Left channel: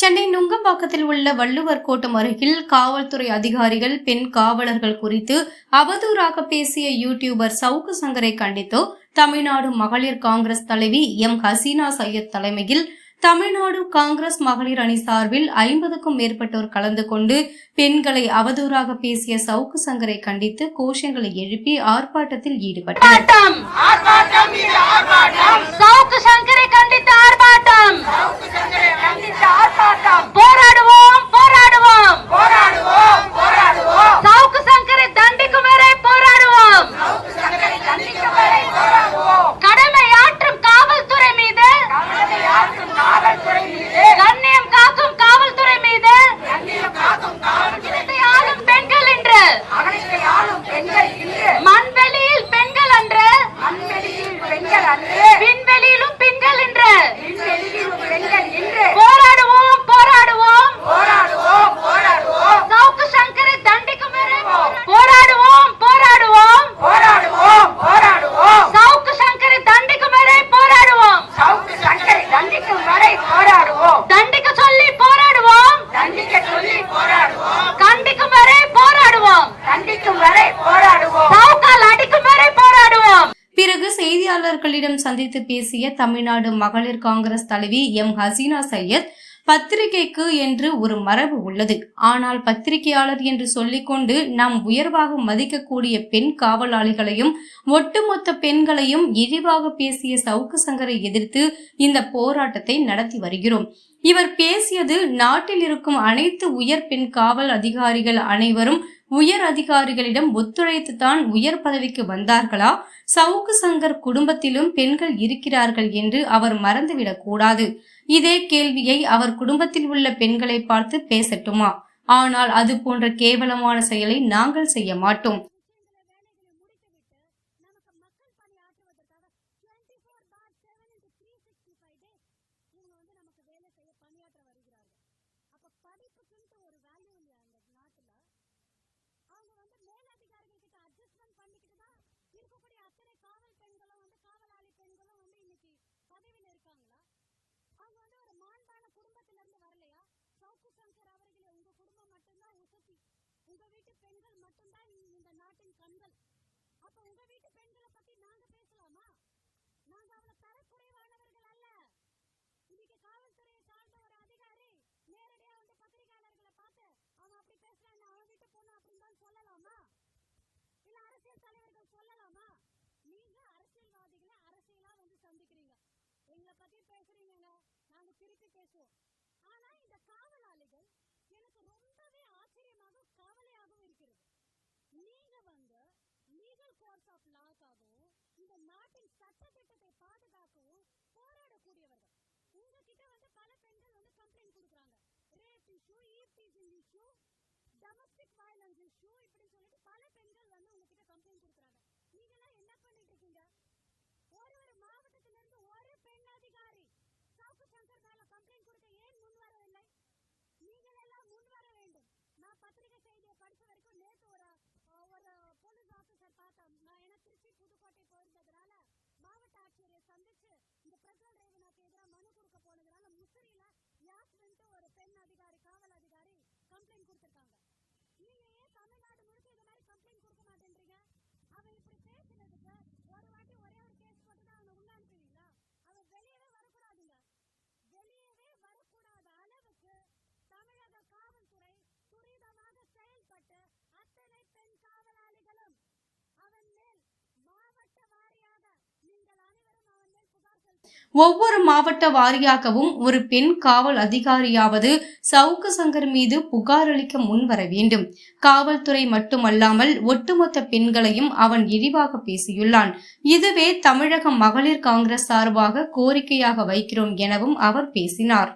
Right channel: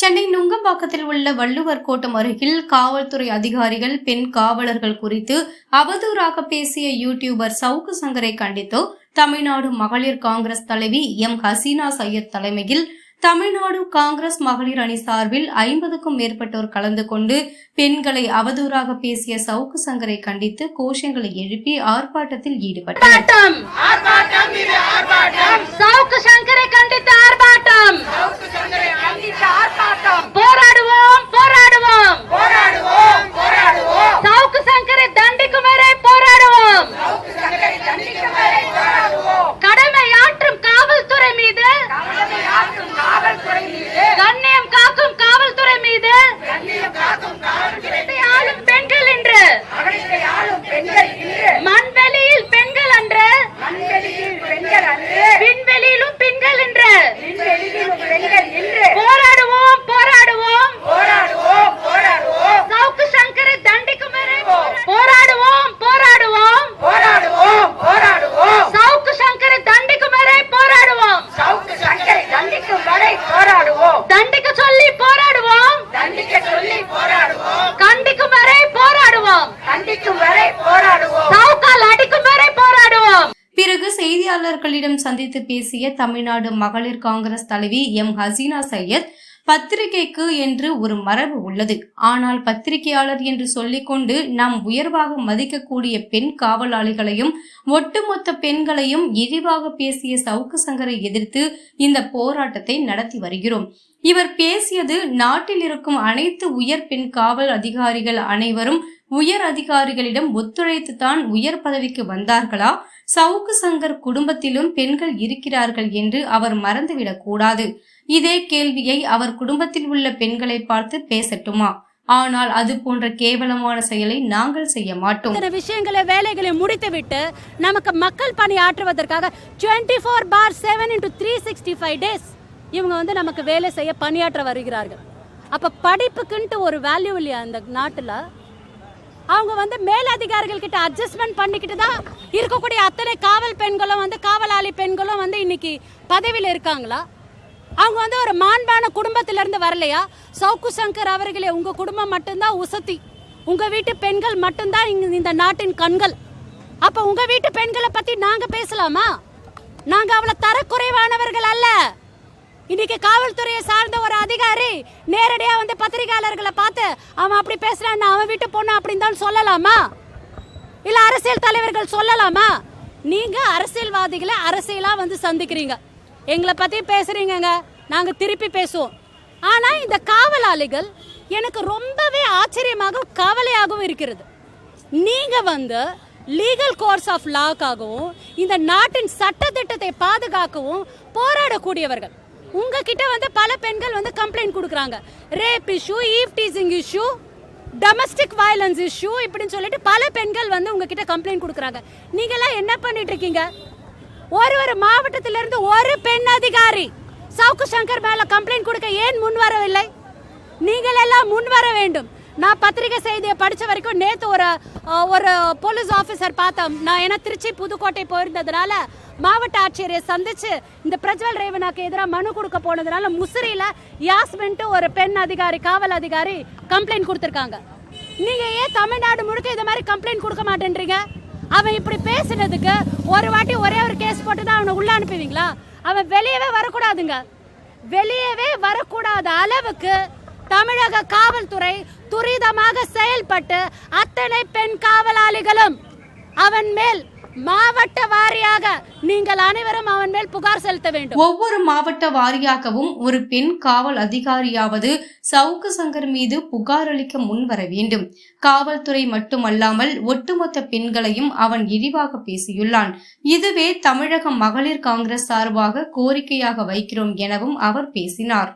சென்னை நுங்கம்பாக்கத்தில் உள்ள வள்ளுவர் கோட்டம் அருகில் காவல்துறை அதிகாரிகள் பெண் காவலர்கள் குறித்து அவதூறாக பேசிய யூடியூபர் சவுக்கு சங்கரை கண்டித்து தமிழ்நாடு மகளிர் காங்கிரஸ் தலைவி எம் ஹசீனா சையத் தலைமையில் தமிழ்நாடு காங்கிரஸ் மகளிர் அணி சார்பில் 50க்கும் மேற்பட்டோர் கலந்து கொண்டு பெண்களை அவதூறாக பேசிய சவுக்கு சங்கரை கண்டித்து கோஷங்களை எழுப்பி ஆர்ப்பாட்டத்தில் ஈடுபட்டனர். பிறகு செய்தியாளர்களிடம் சந்தித்து பேசிய தமிழ்நாடு மகளிர் காங்கிரஸ் தலைவி எம் ஹசீனா சையத், பத்திரிகைக்கு என்று ஒரு மரபு உள்ளது. ஆனால் பத்திரிகையாளர் என்று சொல்லிக்கொண்டு நாம் உயர்வாக மதிக்கக்கூடிய பெண் காவலாளிகளையும் ஒட்டுமொத்த பெண்களையும் இழிவாக பேசிய சவுக்கு சங்கரை எதிர்த்து இந்த போராட்டத்தை நடத்தி வருகிறோம். இவர் பேசியது நாட்டில் இருக்கும் அனைத்து உயர் பெண் காவல் அதிகாரிகள் அனைவரும் உயர் அதிகாரிகளிடம் ஒத்துழைத்துத்தான் உயர் பதவிக்கு வந்தார்களா? சவுக்கு சங்கர் குடும்பத்திலும் பெண்கள் இருக்கிறார்கள் என்று அவர் மறந்துவிடக் கூடாது. இதே கேள்வியை அவர் குடும்பத்தில் உள்ள பெண்களை பார்த்து பேசட்டுமா? ஆனால் அது போன்ற கேவலமான செயலை நாங்கள் செய்ய மாட்டோம். விஷயங்களை வேலைகளை முடித்துவிட்டு நமக்கு மக்கள் பணி ஆற்றுவதற்காக 24/7 into 365 days இவங்க நமக்கு வேலை செய்ய பணியாற்ற வருகிறார்கள். அப்ப படிப்புக்குன்ட்டு ஒரு வேல்யூ இல்லையா இந்த நாட்டுல? அவங்க மேல் அதிகாரிகள் கிட்ட அட்ஜஸ்ட்மெண்ட் பண்ணிக்கிட்டு தான் இருக்கக்கூடிய அத்தனை காவல் பெண்களும் காவலாளி பெண்களும் இன்னைக்கு பதவியில் இருக்காங்களா? அவங்க ஒரு மாண்பான குடும்பத்திலிருந்து வரலையா? சவுக்கு சங்கர் அவர்களே, உங்க குடும்பம் மட்டும்தான் உசத்தி, உங்க வீட்டு பெண்கள் மட்டும்தான் இந்த நாட்டின் கண்கள். அப்ப உங்க வீட்டு பெண்களை பத்தி நாங்க பேசலாமா? நாங்க அவ்வளவு தரக்குறைவானவர்கள் அல்ல. இன்னைக்கு காவல்துறையை சார்ந்த ஒரு அதிகாரி நேரடியா பத்திரிகையாளர்களை பார்த்து அவன் அப்படி பேசுறான், அவன் வீட்டு பொண்ணு அப்படின்னு தான் சொல்லலாமா? இல்ல அரசியல் தலைவர்கள் சொல்லலாமா? நீங்க அரசியல்வாதிகளை அரசியலா சந்திக்கிறீங்க, எங்களை பத்தி பேசுறீங்க, நாங்க திருப்பி பேசுவோம். ஆனா இந்த காவலாளிகள் எனக்கு ரொம்பவே ஆச்சரியமாகவும் கவலையாகவும் இருக்கிறது. நீங்க லீகல் கோர்ஸ் ஆஃப் லாக்காகவும் இந்த நாட்டின் சட்ட திட்டத்தை பாதுகாக்கவும் போராடக்கூடியவர்கள். உங்ககிட்ட பல பெண்கள் கம்ப்ளைண்ட் கொடுக்குறாங்க. Rape issue, eve teasing issue, domestic violence issue இப்படின்னு சொல்லிட்டு பல பெண்கள் உங்ககிட்ட கம்ப்ளைண்ட் கொடுக்குறாங்க. நீங்களாம் என்ன பண்ணிட்டு இருக்கீங்க? ஒரு மாவட்டத்திலிருந்து ஒரு பெண் அதிகாரி சவுக்கு சங்கர் மேல கம்ப்ளைண்ட் கொடுக்க ஏன் முன் வரவில்லை? நீங்கள் எல்லாம் முன் வர வேண்டும். நான் பத்திரிகை செய்தியை படிச்ச வரைக்கும் நேத்து ஒரு போலீஸ் ஆபீசர் பார்த்தேன். நான் ஏன்னா திருச்சி புதுக்கோட்டை போயிருந்ததுனால மாவட்ட ஆட்சியரை சந்திச்சு இந்த பிரஜ்வல் ரேவனாக்கு எதிராக மனு கொடுக்க போனதுனால முசிறியில யாஸ்மின் ஒரு பெண் அதிகாரி, காவல் அதிகாரி கம்ப்ளைண்ட் கொடுத்திருக்காங்க. நீங்க ஏன் தமிழ்நாடு முழுக்க இந்த மாதிரி கம்ப்ளைண்ட் கொடுக்க மாட்டேன்றீங்க? அவன் இப்படி பேசினதுக்கு ஒரு வாட்டி ஒரே ஒரு கேஸ் போட்டு தான் அவனை உள்ள அனுப்புவீங்களா? அவன் வெளியவே வரக்கூடாதுங்க. வெளியவே வரக்கூடாத அளவுக்கு தமிழக காவல்துறை துரிதமாக செயல்பட்டு அத்தனை பெண் காவலாளிகளும் அவன் மேல் மாவட்ட வாரியாக நீங்கள் அனைவரும் அவன் மேல் புகார் செலுத்த வேண்டும். ஒவ்வொரு மாவட்ட வாரியாகவும் ஒரு பெண் காவல் அதிகாரியாவது சவுக்கு சங்கர் மீது புகார் அளிக்க முன்வர வேண்டும். காவல்துறை மட்டுமல்லாமல் ஒட்டுமொத்த பெண்களையும் அவன் இழிவாக பேசியுள்ளான். இதுவே தமிழக மகளிர் காங்கிரஸ் சார்பாக கோரிக்கையாக வைக்கிறோம் எனவும் அவர் பேசினார்.